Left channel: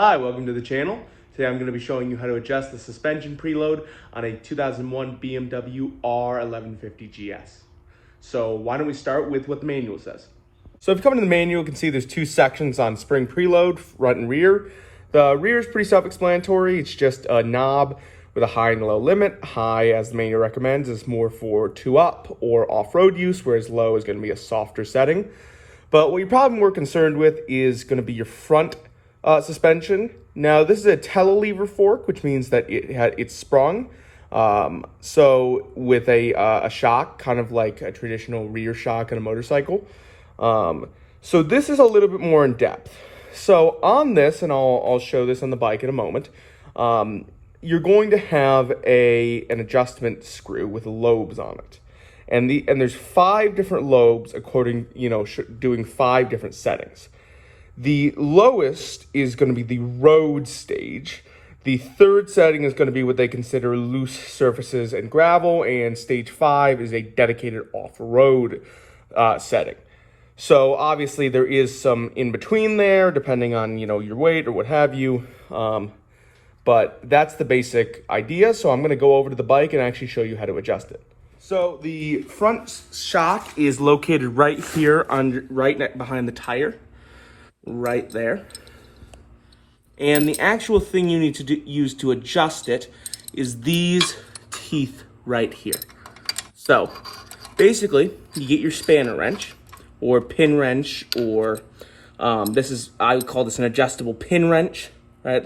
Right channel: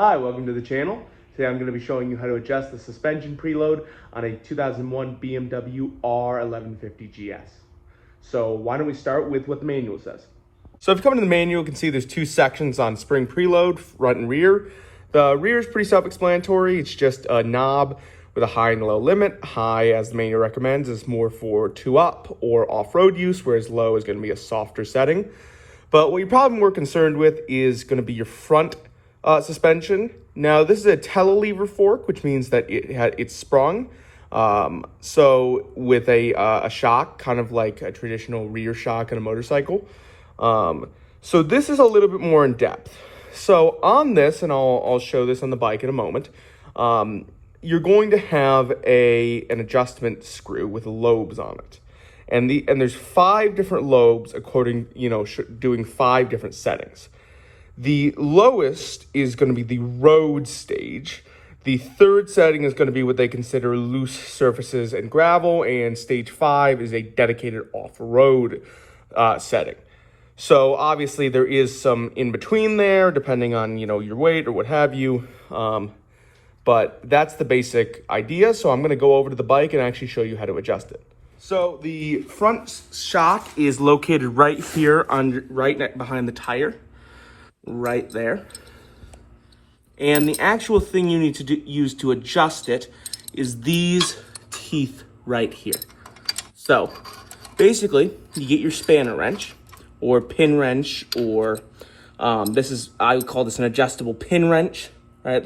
Hi, welcome to the channel. Today I'm going to be showing you how to adjust the suspension preload on a 2001 BMW R1150GS. So why don't we start with what the manual says. So if you come into the manual, you can see there's two sections on spring preload, front and rear. The rear is pretty self-explanatory. It's just a knob with a high and low limit. High, as the manual recommends, is more for two-up or off-road use, whereas low is going to be a softer setting. But what you're probably more concerned with is going to be your front suspension. Now, this is a telelever fork, which means that it's sprung. So with a shock, kind of like a traditional rear shock in a motorcycle. So this is a little bit more in depth. So on this, and I'll show this on the bike in a moment, you're going to have an adjustment screw with lobes on it. And there's 5 different lobes according, doing 5 different settings. The lowest is going to be the road stage. The third setting is going to be what they consider loose surfaces and gravel, and stage 5 is a dedicated off-road setting. So obviously there is some in between there, depending on your weight or what have you. But that's the basic idea. So I'm going to go over to the bike and actually show you how to adjust it. So the front shock is located right here, behind the tire. Right there. And the actual thing you need to use to adjust it is these teeth right here. So basically you get your spanner wrench or pin wrench, or I would call this an adjustable pin wrench, right?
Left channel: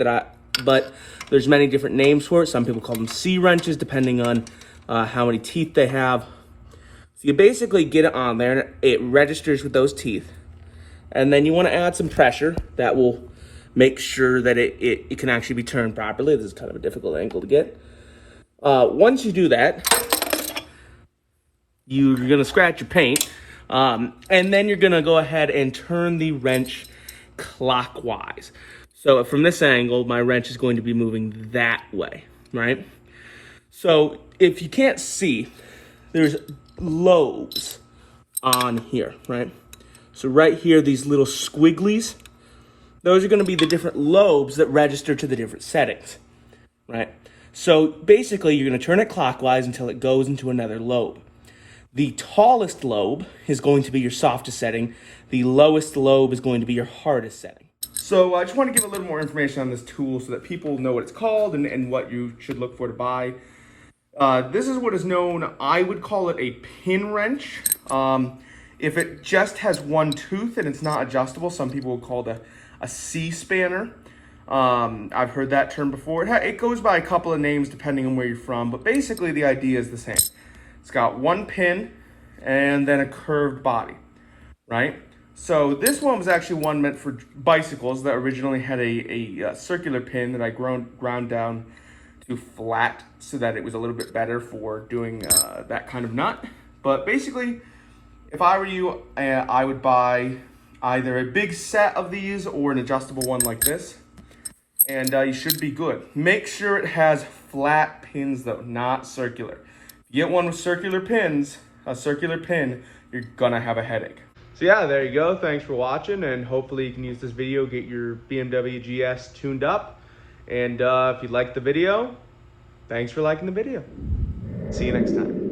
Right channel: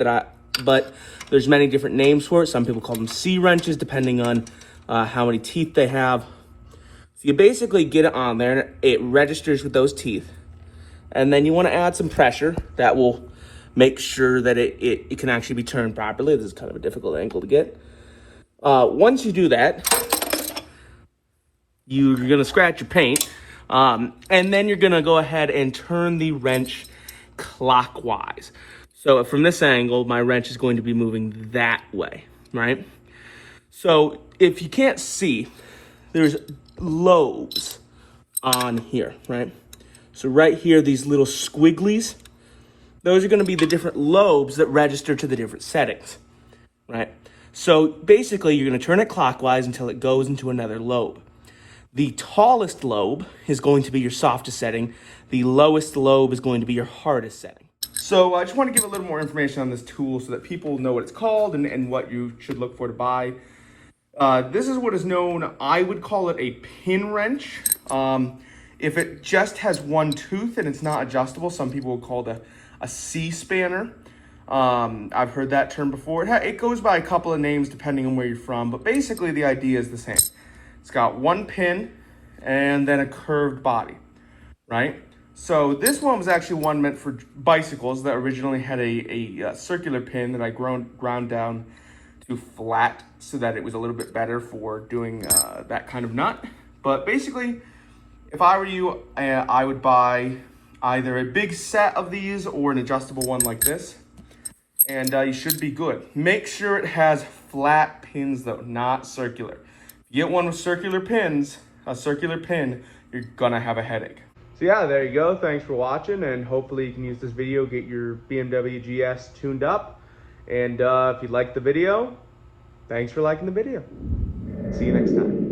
But there's many different names for it. Some people call them C wrenches depending on how many teeth they have. So you basically get it on there and it registers with those teeth. And then you want to add some pressure that will make sure that it can actually be turned properly. This is kind of a difficult angle to get. Once you do that, you're going to scratch your paint. And then you're going to go ahead and turn the wrench clockwise. So from this angle, my wrench is going to be moving that way, right? So if you can't see, there's lobes on here, right? So right here, these little squigglies, those are going to be the different lobes that register to the different settings, right? So basically, you're going to turn it clockwise until it goes into another lobe. The tallest lobe is going to be your softest setting. The lowest lobe is going to be your hardest setting. So I just want to give a little more information on this tool so that people know what it's called and what you should look for to buy. This is what is known, I would call it a pin wrench. If it just has one tooth and it's not adjustable, some people will call it a C-spanner. I've heard that term before. It goes by a couple of names depending on where you're from, but basically the idea is the same. It's got one pin and then a curved body, right? So this one was actually one meant for bicycles that originally had a circular pin that I ground down to flat so that it was a little bit better for doing that kind of nut. But basically, if I were you, I would buy either a big set of these or an adjustable one like this, and you should be good. Make sure it has flat pins though, not circular. If you get one with circular pins, a circular pin, you're gonna have a headache. So yeah, there you go. Thanks for watching, and hopefully you can use this video, get your BMW GS tuned up. And if you liked the video, thanks for liking the video. See you next time.